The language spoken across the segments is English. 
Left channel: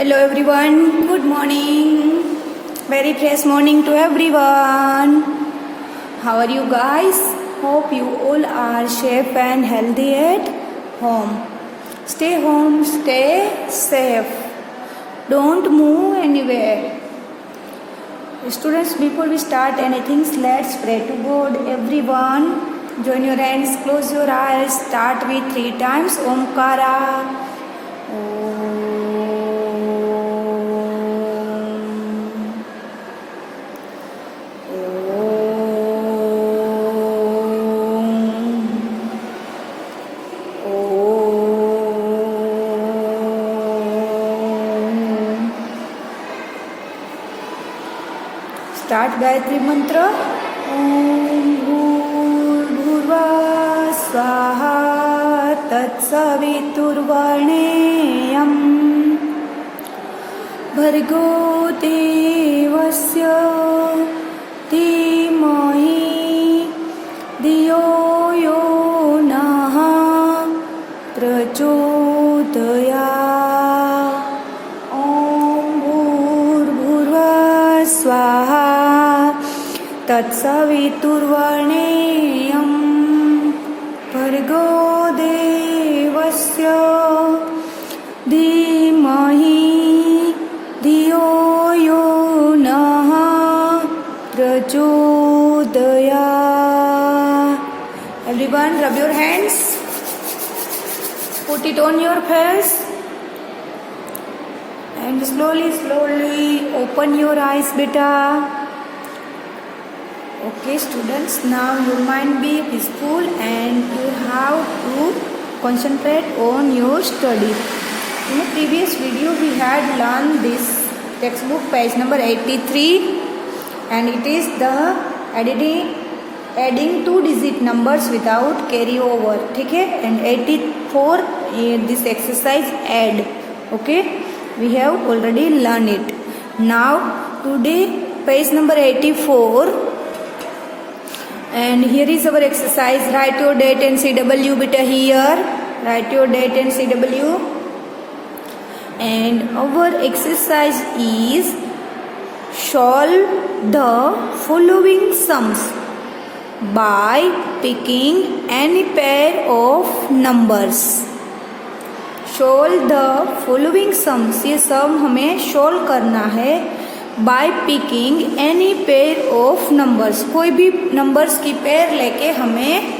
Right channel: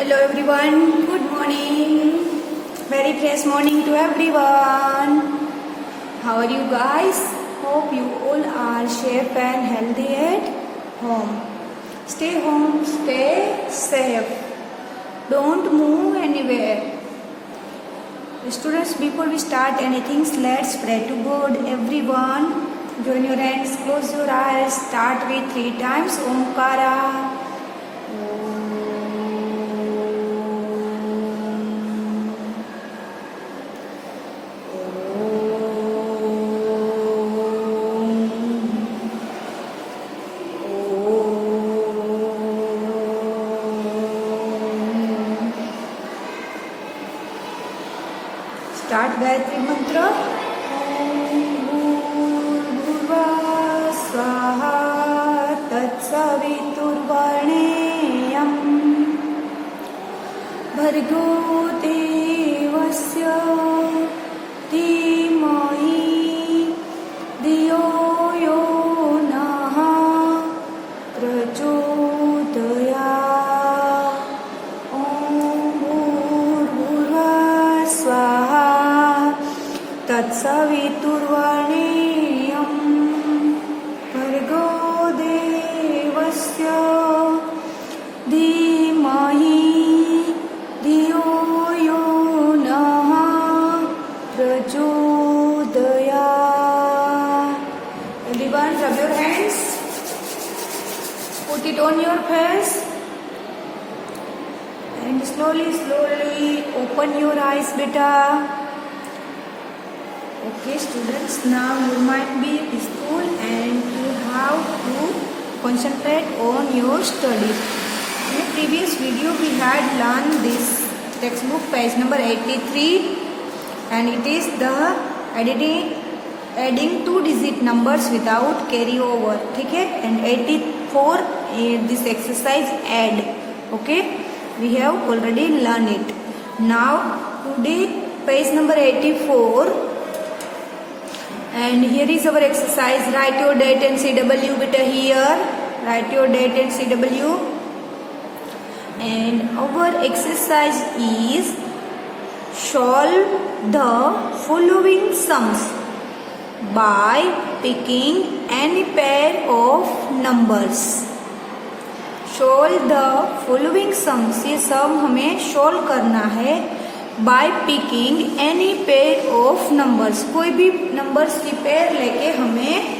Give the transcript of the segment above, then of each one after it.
Hello everyone, good morning. Very fresh morning to everyone. How are you guys? Hope you all are safe and healthy at home. Stay home, stay safe. Don't move anywhere. Students, before we start anything, let's pray to God. Everyone, join your hands, close your eyes, start with 3 times Omkara. Start Gayatri Mantra. Om Bhurvasvaha Swaha Tatsaviturvarenyam Bhargo Devasya Dhimahi Dhiyo Yo Naha Prachodayat. Om Bhurvasvaha Swaha Tatsaviturvarenyam Bhargo Devasya Dhimahi Dhiyo Yo Naha Prachodayat. Everyone, rub your hands. Put it on your face. And slowly open your eyes, beta. Okay, students, now your mind be peaceful and you have to concentrate on your study. In the previous video, we had learned this textbook, page number 83, and it is the adding 2-digit numbers without carryover. Okay, and 84, this exercise add. Okay, we have already learned it. Now, today, page number 84. And here is our exercise. Write your date and CW beta here. Write your date and CW. And our exercise is solve the following sums by picking any pair of numbers. Solve the following sums. ये सम हमें solve करना है by picking any pair of numbers. कोई भी numbers की pair लेके हमें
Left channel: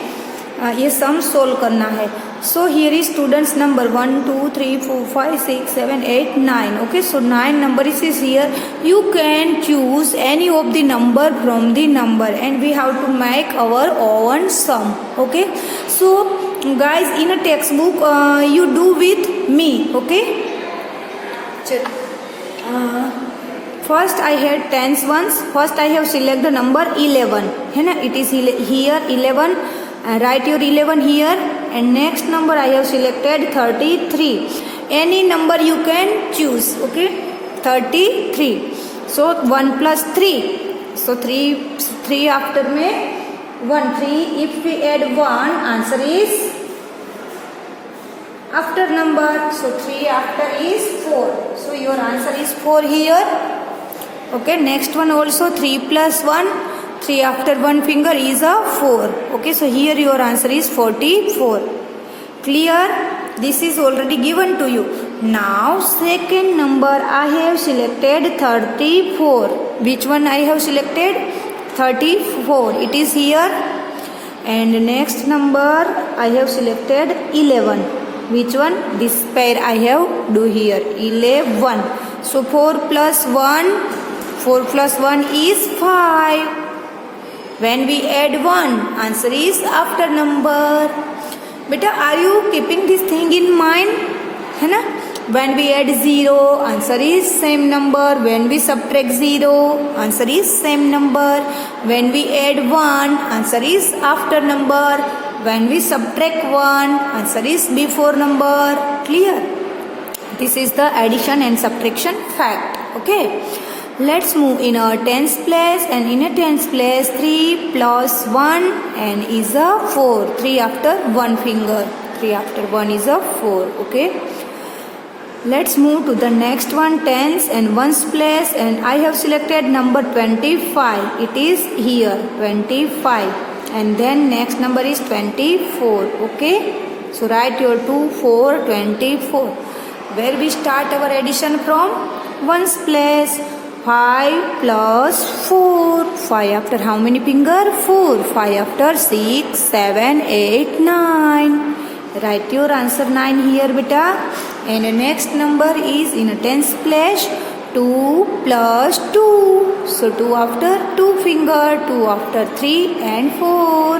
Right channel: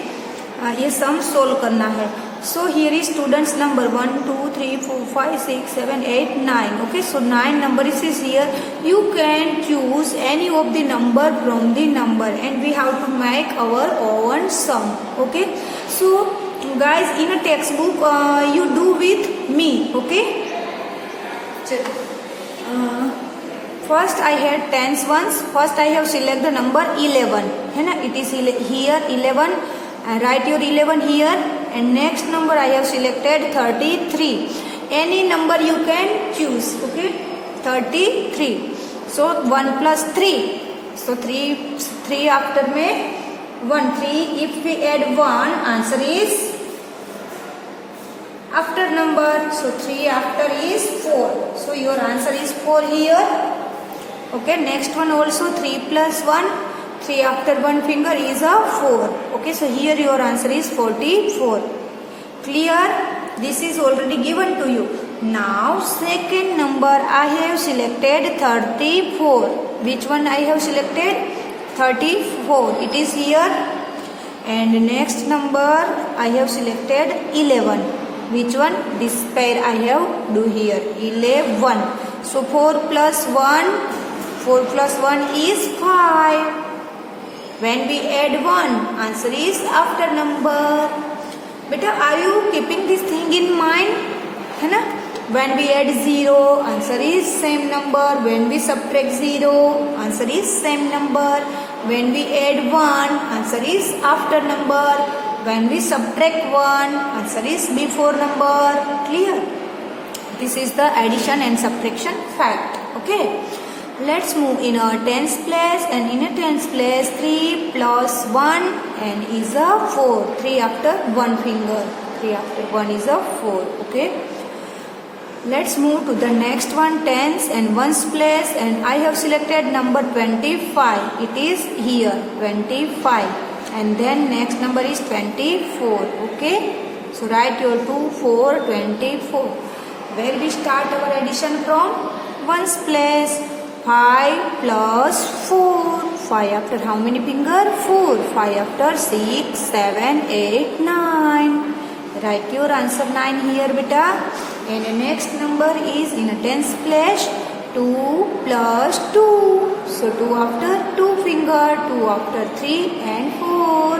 ये sum solve करना है. So here is students number 1, 2, 3, 4, 5, 6, 7, 8, 9. Okay, so 9 number is here. You can choose any of the number from the number and we have to make our own sum. Okay, so guys, in a textbook you do with me. Okay, first I had tens ones. First I have select the number 11. है ना? It is here 11. Write your 11 here. And next number I have selected 33. Any number you can choose. Okay, 33. So 1 plus 3. So 3 after में 1 3. If we add 1, answer is after number. So 3 after is 4. So your answer is 4 here. Okay, next one also 3 plus 1. 3 after 1 finger is a 4. Okay, so here your answer is 44. Clear? This is already given to you. Now second number I have selected 34. Which one I have selected? 34. It is here. And next number I have selected 11. Which one? This pair I have do here. 11. So 4 plus 1. 4 plus 1 is 5. When we add 1, answer is after number. Beta, are you keeping this thing in mind? है ना? When we add 0, answer is same number. When we subtract 0, answer is same number. When we add 1, answer is after number. When we subtract 1, answer is before number. Clear? This is the addition and subtraction fact. Okay. Let's move in a tens place, and in a tens place 3 plus 1 and is a 4. 3 after 1 finger. 3 after 1 is a 4. Okay. Let's move to the next one, tens and ones place, and I have selected number 25. It is here 25, and then next number is 24. Okay, so write your 2, 4, 24. Where we start our addition from? Ones place. 5 plus 4. 5 after how many finger? 4. 5 after 6, 7, 8, 9. Write your answer 9 here, beta. And the next number is in a tens place. 2 plus 2. So 2 after 2 finger, 2 after 3 and 4.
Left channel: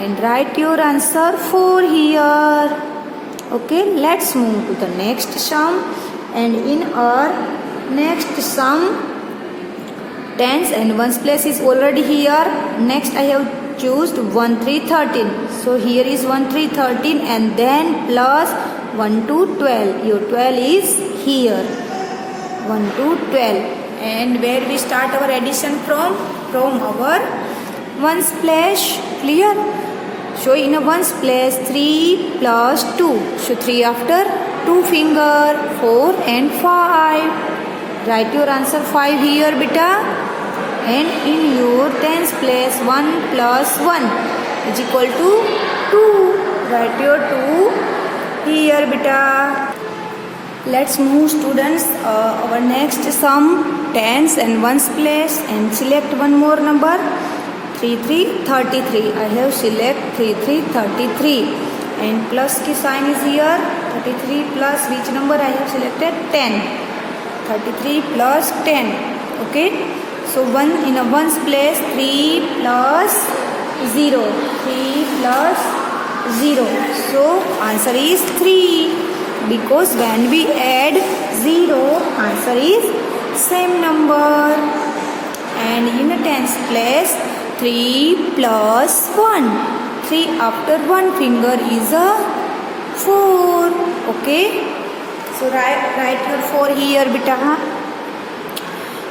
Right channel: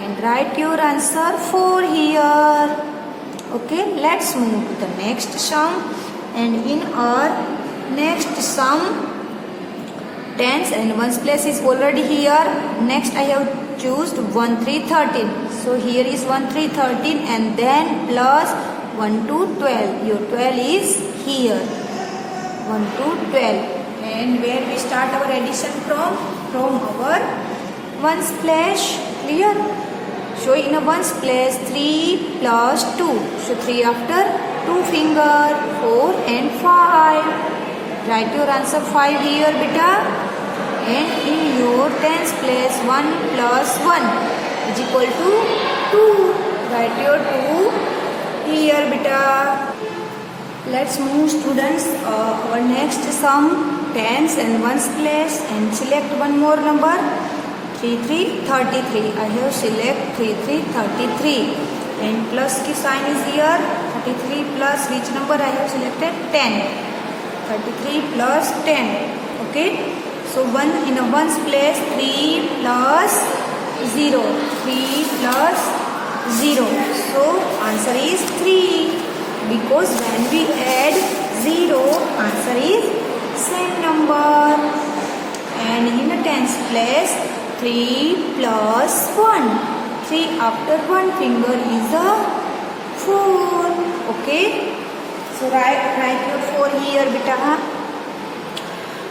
And write your answer 4 here. Okay, let's move to the next sum. And in our next sum, tens and ones place is already here. Next I have chosen 1, 3, 13. So here is 1, 3, 13 and then plus 1 to 12. Your 12 is here. 1 to 12. And where we start our addition from? From our ones place. Clear? So in a ones place 3 plus 2. So 3 after 2 finger, 4 and 5. Write your answer 5 here, beta. And in your tens place 1 plus 1 is equal to 2. Write your 2 here, beta. Let's move, students, our next sum, tens and ones place, and select one more number. 3, 3, 33. I have select 3, 3, 33. And plus ki sign is here. 33 plus which number I have selected? 10. 33 plus 10. Okay. So 1 in a ones place 3 plus 0. 3 plus 0. So answer is 3. Because when we add 0, answer is same number. And in a tens place 3 plus 1. 3 after 1 finger is a 4. Okay. So write your 4 here, beta.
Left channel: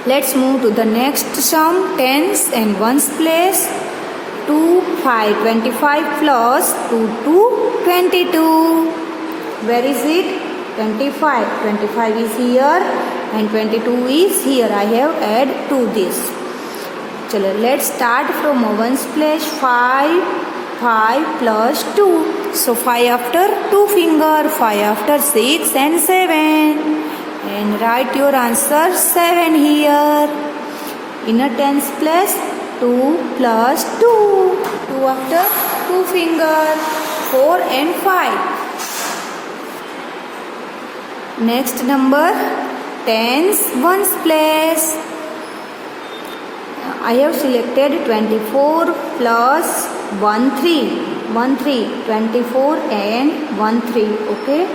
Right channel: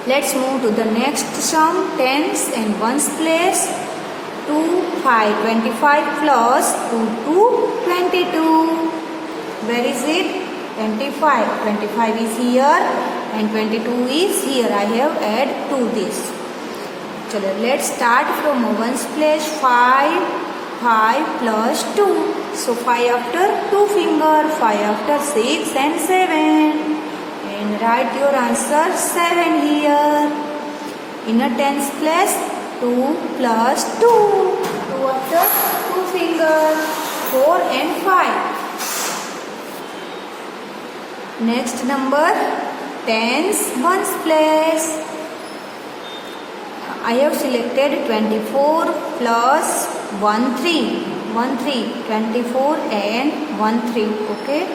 Let's move to the next sum, tens and ones place. 2, 5, 25 plus 2 to 22. Where is it? 25. 25 is here and 22 is here. I have added to this. Chalo, let's start from a ones place. 5 plus 2. So 5 after 2 finger, 5 after 6 and 7. And write your answer 7 here. In a tens place, 2 plus 2. 2 after 2 finger, 4 and 5. Next number, tens ones place. I have selected 24 plus 1, 3. 1, 3. 24 and 1, 3. Okay.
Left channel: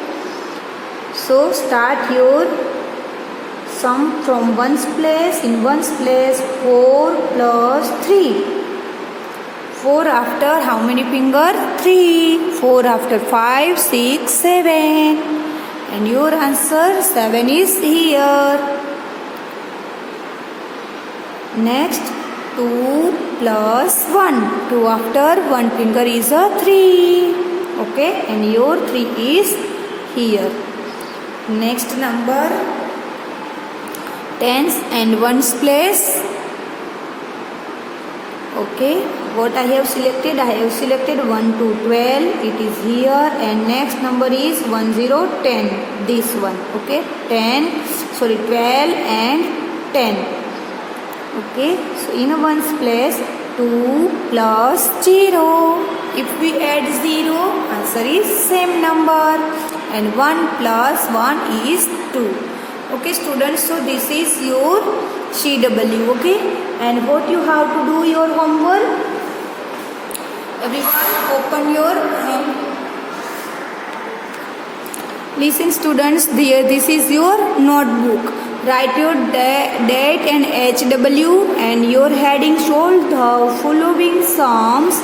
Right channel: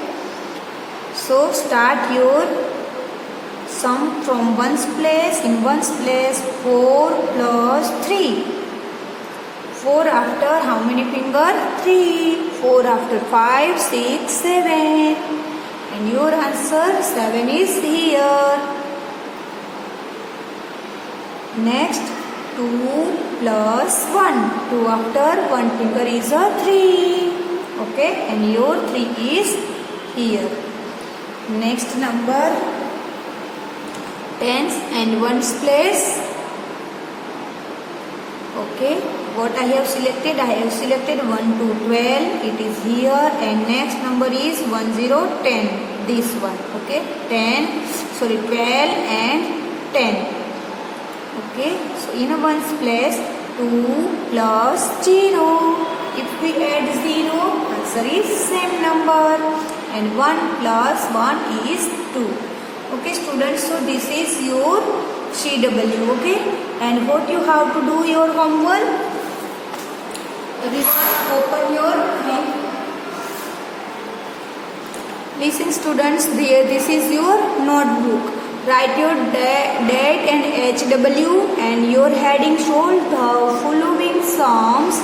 So start your sum from ones place. In ones place 4 plus 3. 4 after how many finger? 3. 4 after 5, 6, 7. And your answer 7 is here. Next 2 plus 1. 2 after 1 finger is a 3. Okay. And your 3 is here. Next number, tens and ones place. Okay, what I have selected? I have selected 1 to 12. It is here, and next number is 1, 0, 10. This one. Okay, 12 and 10. Okay, so in ones place 2 plus 0. If we add 0, answer is same number. And 1 plus 1 is 2. Okay, students, so this is your CW. Okay, and what you have to do your homework? Everyone open your hand. Listen, students, this is your notebook. Write your date and HW, and your heading shows the following sums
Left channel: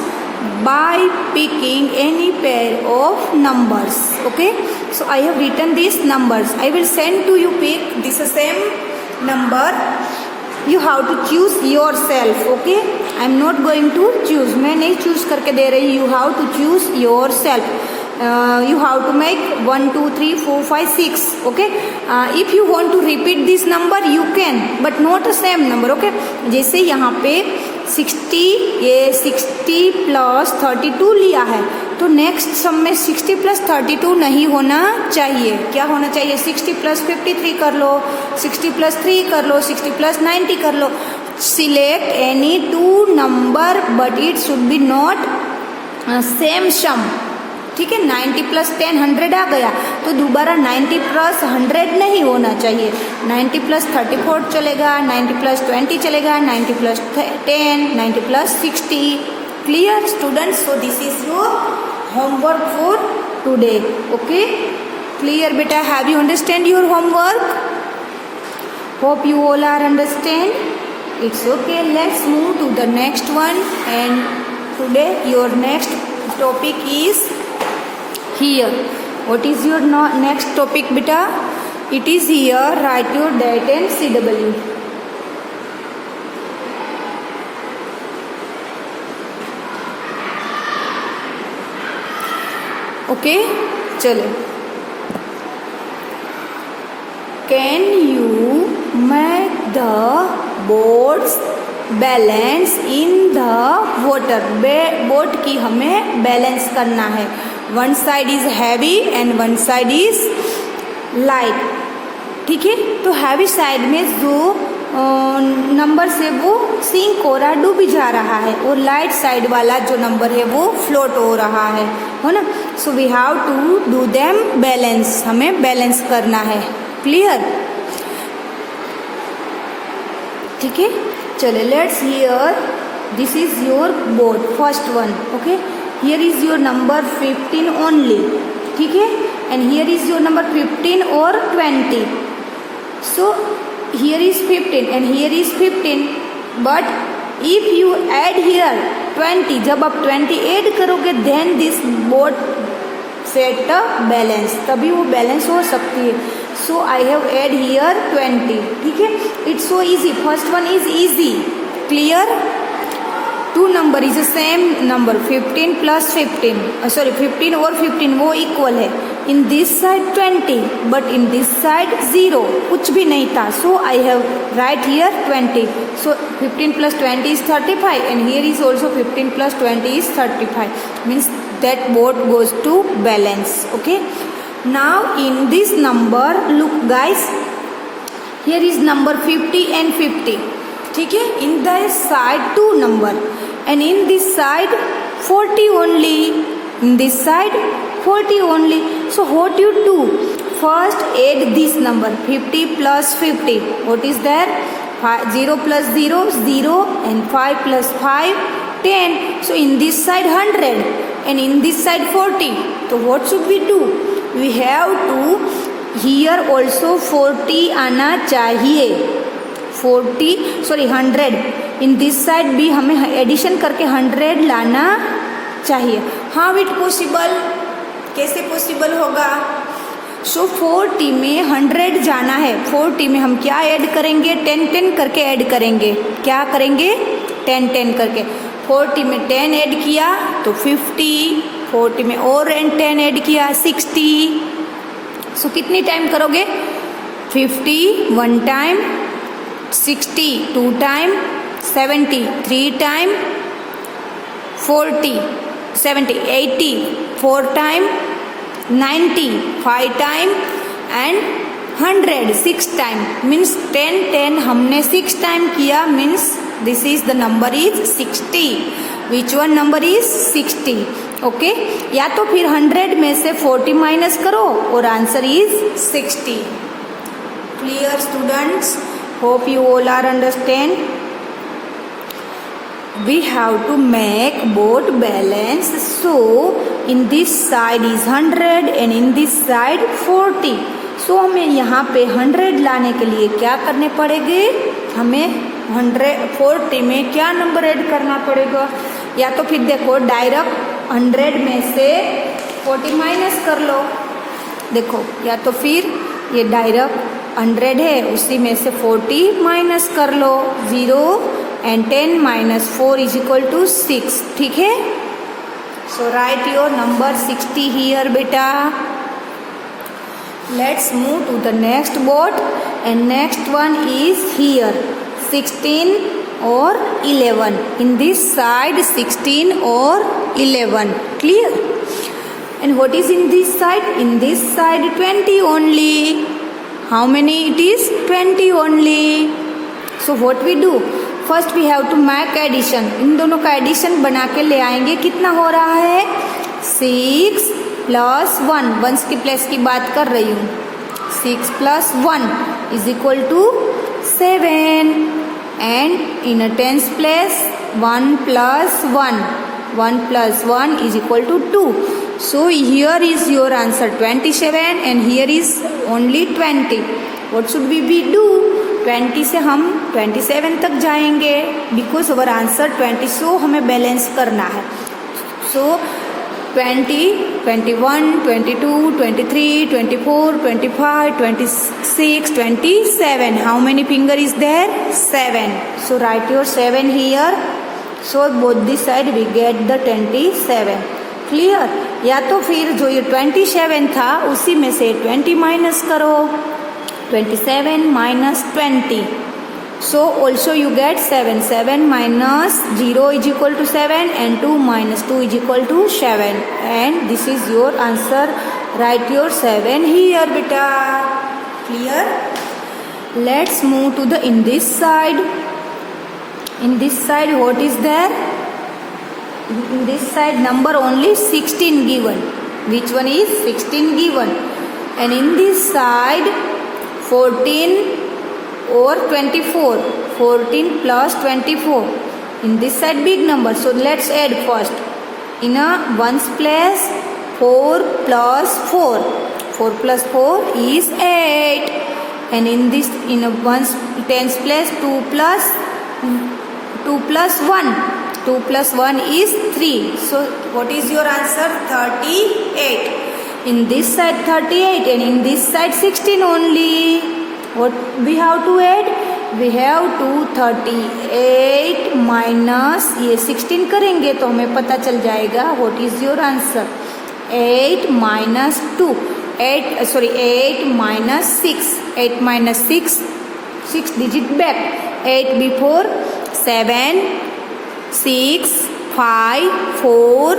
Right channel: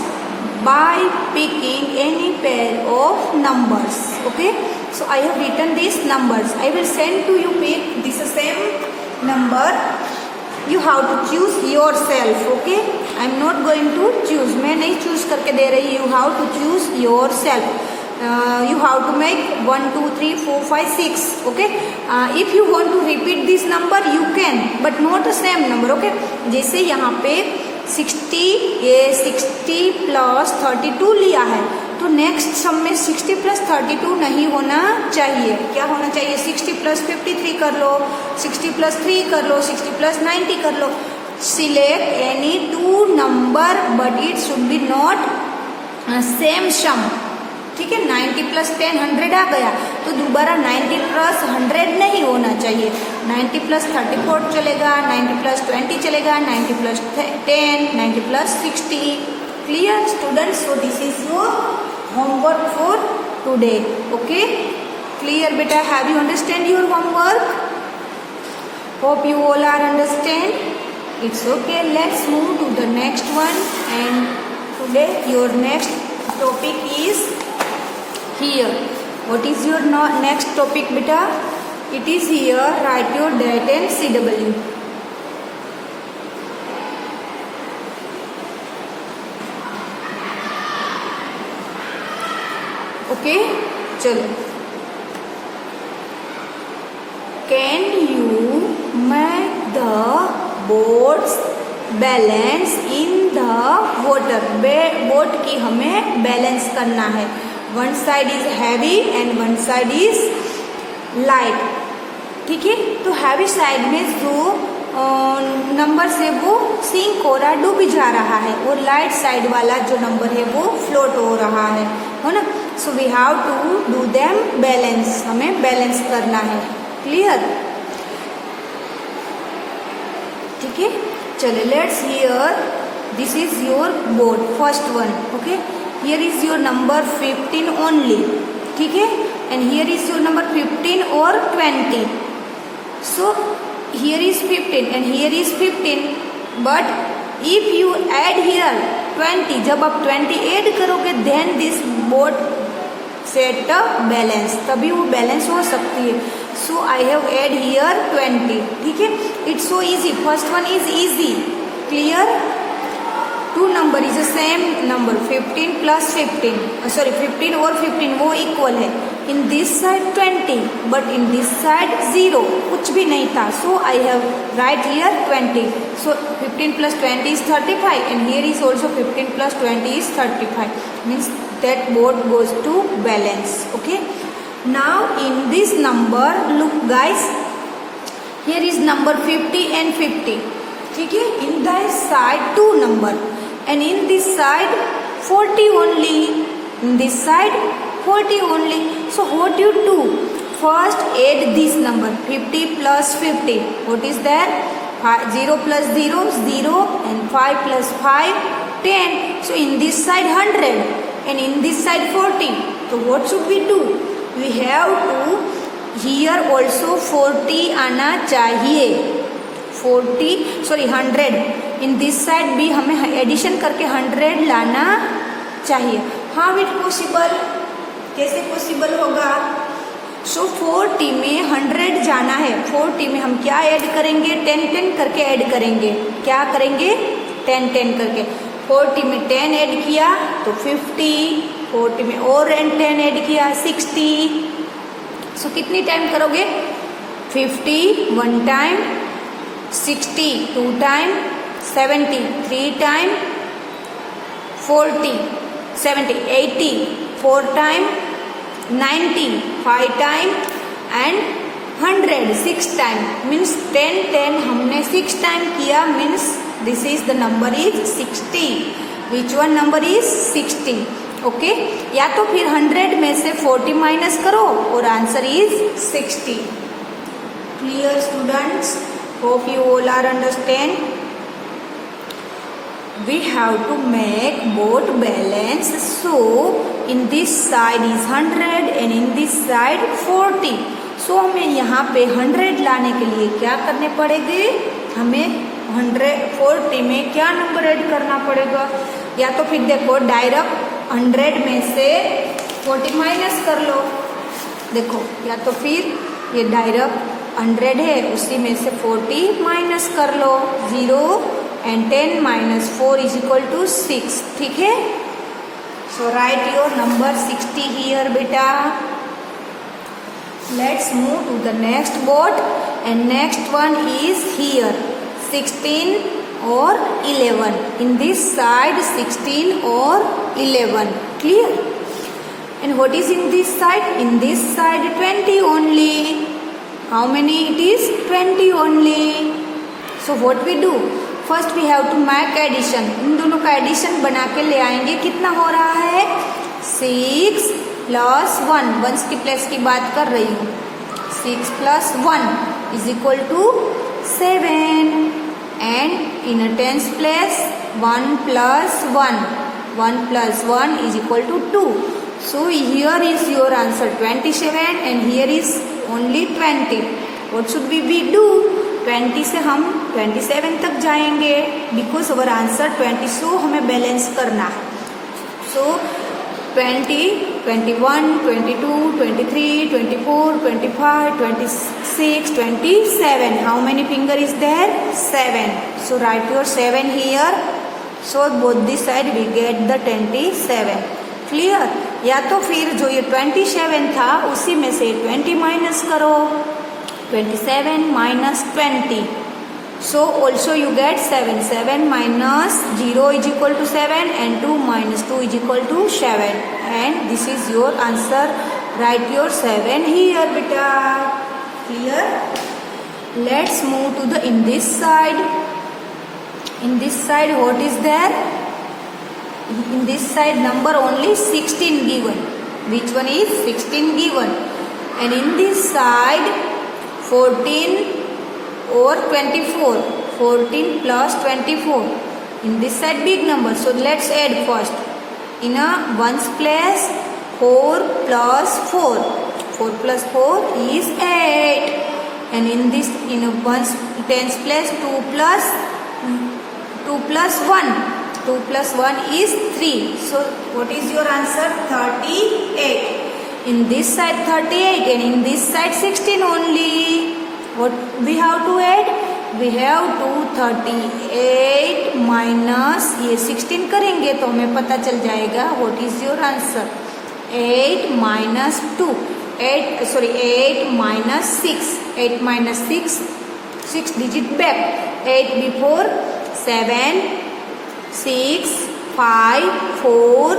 by picking any pair of numbers. Okay, so I have written these numbers. I will send to you pick this same number. You have to choose yourself. Okay, I am not going to choose. मैं नहीं choose करके दे रही. You have to choose yourself. you have to make 1 2 3 4 5 6. Okay, if you want to repeat this number you can, but not the same number. Okay, जैसे यहाँ पे 60 ये 60 plus 32 लिया है, तो नेक्स्ट सम में 60 प्लस 32 नहीं होना चाहिए. क्या होना चाहिए? 60 प्लस 53 कर लो, 60 प्लस 3 कर लो, 60 प्लस 90 कर लो. Select any two number but it should be not same sum. ठीक है, 90 प्लस 10 100 आ गया, तो दोबारा 90 प्लस 100 नहीं होना चाहिए. 90 प्लस 34 चलेगा, 90 प्लस 20 चलेगा, 90 plus 10, 90 plus 60. Clear students? So this is your homework for today. Okay, clear बेटा? Have you understand your homework? Hope you all are understand. It's okay. Let's move to the next one. And today your next topic is here. What is your next topic, beta? It is here. Write your date and CW. Okay, चलो. Can you make the boats balance in the water? Boat की हमें balance करना है. One side is heavy and one side is light. ठीक है, तो heavy side में जो नंबर है वो सिंक हो रहा, डूब जा रहा है, और लाइट साइड वाला जो नंबर है वो फ्लोट हो रहा है ना. So we have to do them balance. हमें बैलेंस करना है. क्लियर? ठीक है, चलो. Let's here this is your board, first one. Okay, here is your number 15 only. ठीक है, and here is your number 15 और 20. So here is 15 and here is 15, but if you add here 20, जब आप 20 add करोगे then this board set a balance, तभी वो balance हो सकती है. So I have add here 20. ठीक है, it's so easy. First one is easy. Clear? Two number is the same number. 15 plus 15. Sorry, 15 और 15 वो equal है. In this side 20, but in this side 0. कुछ भी नहीं था. So I have write here 20. So 15 plus 20 is 35, and here is also 15 plus 20 is 35. Means that both goes to balance. Okay. Now in this number, look guys, here is number 50 and 50. ठीक है, in this side 2 number, and in this side 40 only. In this side 40 only. So what you do? First add this number 50 plus 50. What is there? 0 plus 0 0, and 5 plus 5 10. So in this side 100, and in this side 40. So what should we do? We have to here also 40 आना चाहिए. 100. इन this side भी हमें addition करके 100 लाना चाहिए. हाँ, it possible. कैसे possible होगा? सो 40 में 100 जाना है. 40 में हम क्या ऐड करेंगे? 10 करके ऐड करेंगे. क्या करेंगे? 10 करके. 40 में 10 ऐड किया तो 50. 40 में और 10 ऐड किया 60. सो कितनी टाइम करोगे? 50 1 time, 60 2 time, 70 3 time, 40 70 80 4 time, 90 5 time, and 100 6 time. Means 10 हमने 6 टाइम किया. Means this is the number is 60. Which one number is 60? Okay, या तो फिर 100 में से 40 माइनस करो और answer is 60. Clear students? Hope you all are understand. We have to make both balance. So in this side is 100 and in this side 40. So हमें यहाँ पे 100 लाने के लिए क्या करने पड़ेंगे? हमें 140 में क्या नंबर ऐड करना पड़ेगा? या तो फिर देखो डायरेक्ट 100 में से 40 माइनस कर लो. देखो, या तो फिर ये डायरेक्ट 100 है, उसी में से 40 माइनस कर लो. 0 and 10 minus 4 is equal to 6. ठीक है, So write your number 60 here, beta. Let's move to the next board, and next one is here 16 or 11. In this side 16 or 11. Clear? And what is in this side? In this side 20 only. How many it is? 20 only. So what we do? First we have to make addition. इन दोनों का addition बना के ले आएंगे. कितना हो रहा है? 6 plus 1. वंस की प्लेस की बात कर रही हूँ. 6 plus 1 is equal to 7. And in a tens place 1 plus 1. 1 plus 1 is equal to 2. So here is your answer 27 and here is only 20. What should we do? 20 से हम 27 तक जाएंगे because our answer 20. So हमें balance करना है. So 20, 21, 22, 23, 24, 25, 26, 27. How many finger is there? 7. So write your 7 here. So both this side we get the 27. Clear? या तो फिर जो ये 27 था उसी में से 20 माइनस करो. 27 minus 20. So also you get 7. 7 minus 0 is equal to 7 and 2 minus 2 is equal to 7. And this is your answer. Write your 7 here, beta. Clear? Let's move to the in this side. In this side what is there? In this side number only 16 given. Which one is 16 given? And in this side 14 or 24. 14 plus 24. In this side big number. So let's add first. In a ones place 4 plus 4. 4 plus 4 is 8. And in this in a ones tens place 2 plus 1. 2 plus 1 is 3. So what is your answer? 38. In this side 38 and in this side 16 only. What we have to add? We have to 38 minus ये 16 करेंगे तो हमें पता चल जाएगा. What is your answer? 8 minus 2. 8 minus 6. 8 minus 6. 6 digit back. 8 before 7, 6, 5, 4,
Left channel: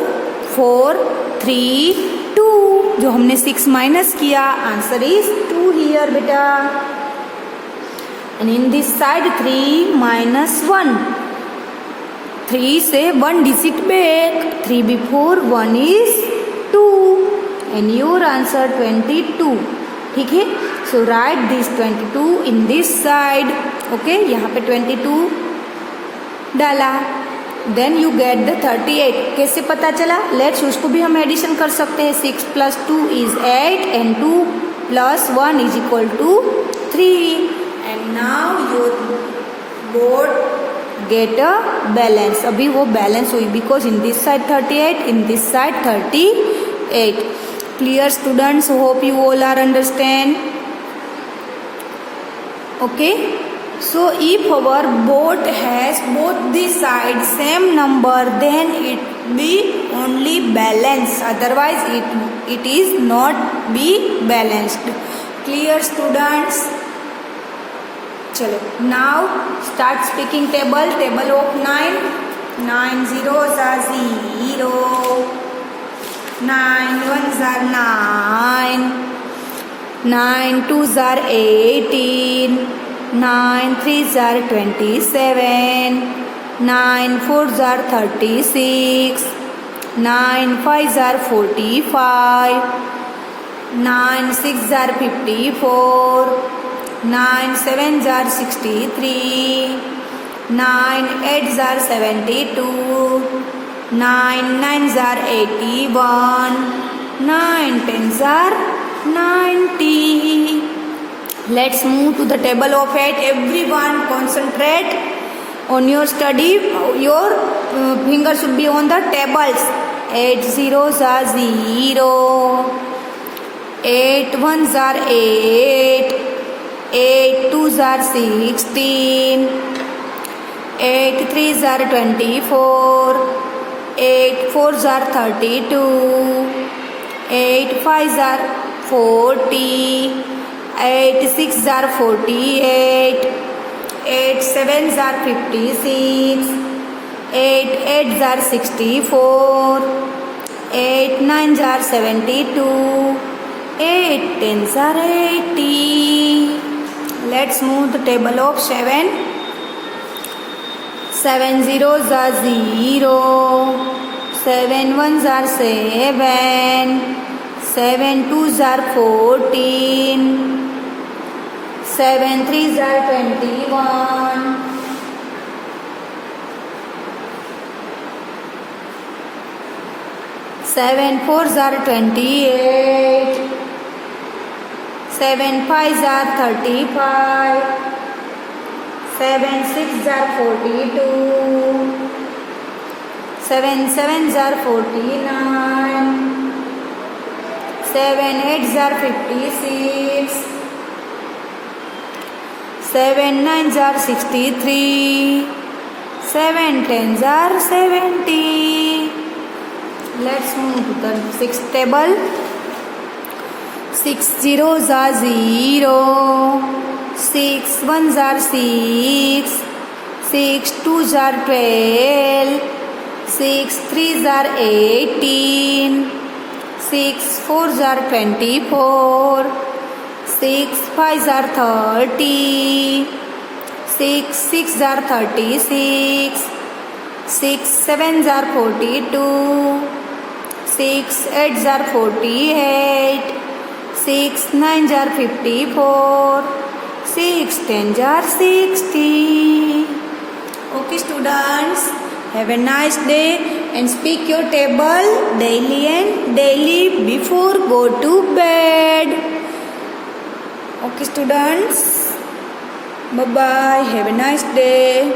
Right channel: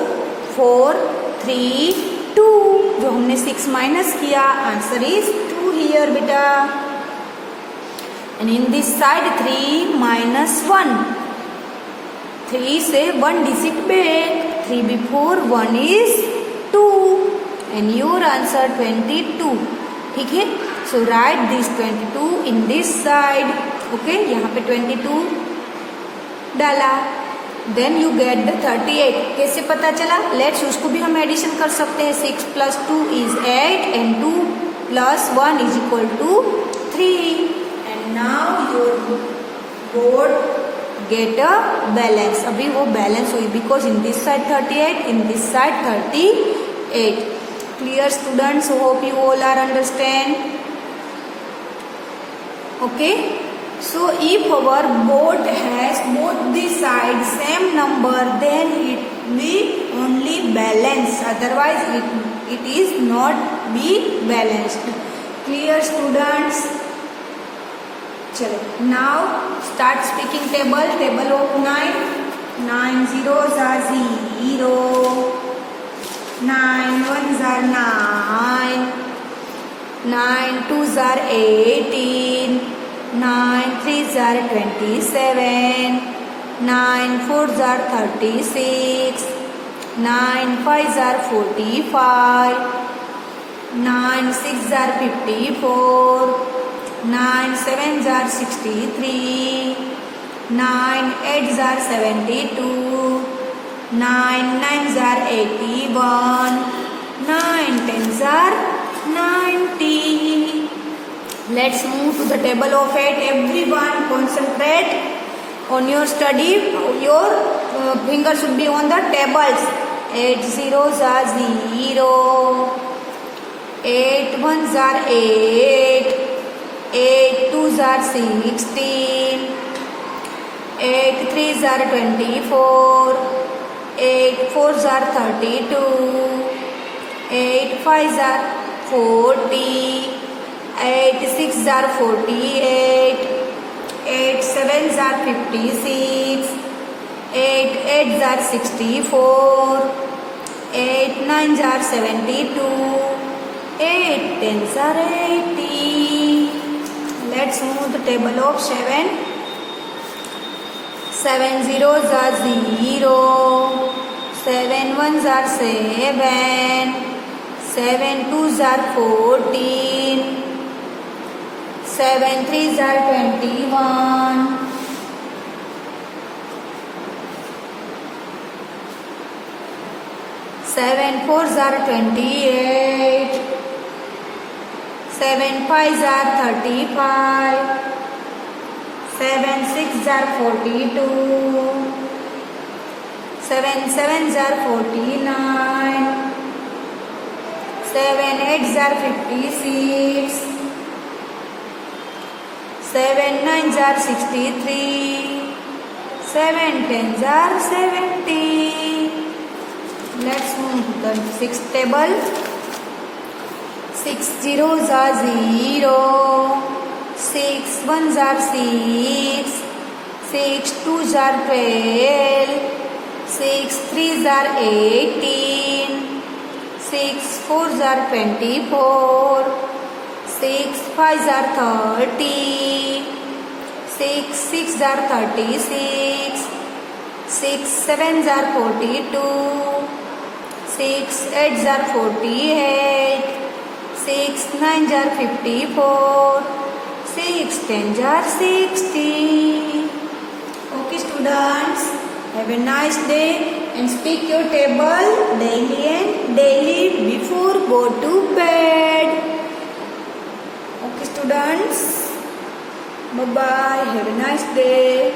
4, 3, 2. जो हमने 6 minus किया आंसर इज 2 हियर बेटा. And in this side 3 minus 1. 3 से 1 digit back. 3 before 1 is 2. And your answer 22. ठीक है. So write this 22 in this side. Okay. यहाँ पे 22 डाला. Then you get the 38. कैसे पता चला? Let's उसको भी हम एडिशन कर सकते हैं. 6 plus 2 is 8 and 2 plus 1 is equal to 3. And now your board get a balance. अभी वो balance हुई because in this side 38, in this side 38. Clear students? Hope you all are understand. Okay. So if our board has both the sides same number, then it be only balanced. Otherwise it is not be balanced. Clear students? चलो. Now start speaking table. Table of 9. 9 zeros are 0. 9 ones are 9. 9 twos are 18. 9 threes are 27. 9 fours are 36. 9 fives are 45. 9 sixes are 54. 9 sevens are 63. 9 eights are 72. 9 nines are 81. 9 tens are 90. Let's move to the table of 8. Everyone concentrate on your study. Your finger should be on the tables. 8 zeros are 0. 8 ones are 8. 8 twos are 16. 8 threes are 24. 8 4s are 32, 8 5s are 40, 8 6s are 48, 8 7s are 56, 8 8s are 64, 8 9s are 72, 8 10s are 80. Let's move the table of 7. 7 zeros are 0, 7 ones are 7, 7 twos are 14, 7 threes are 21, 7 fours are 28, 7 fives are 35, 7 6s are 42, 7 sevens are 49, 7 8s are 56, 7 9s are 63, 7 10s are 70. Let's move to the sixth table. 6 zeros are 0, 6 ones are 6, 6 twos are 12, 6 threes are 18, 6 fours are 24, 6 fives are 30, 6 six are 36, 6 sevens are 42, 6 eights are 48, 6 nines are 54, 6 tens are 60. Okay students, have a nice day and speak your table daily before go to bed. Okay students, bye bye, have a nice day.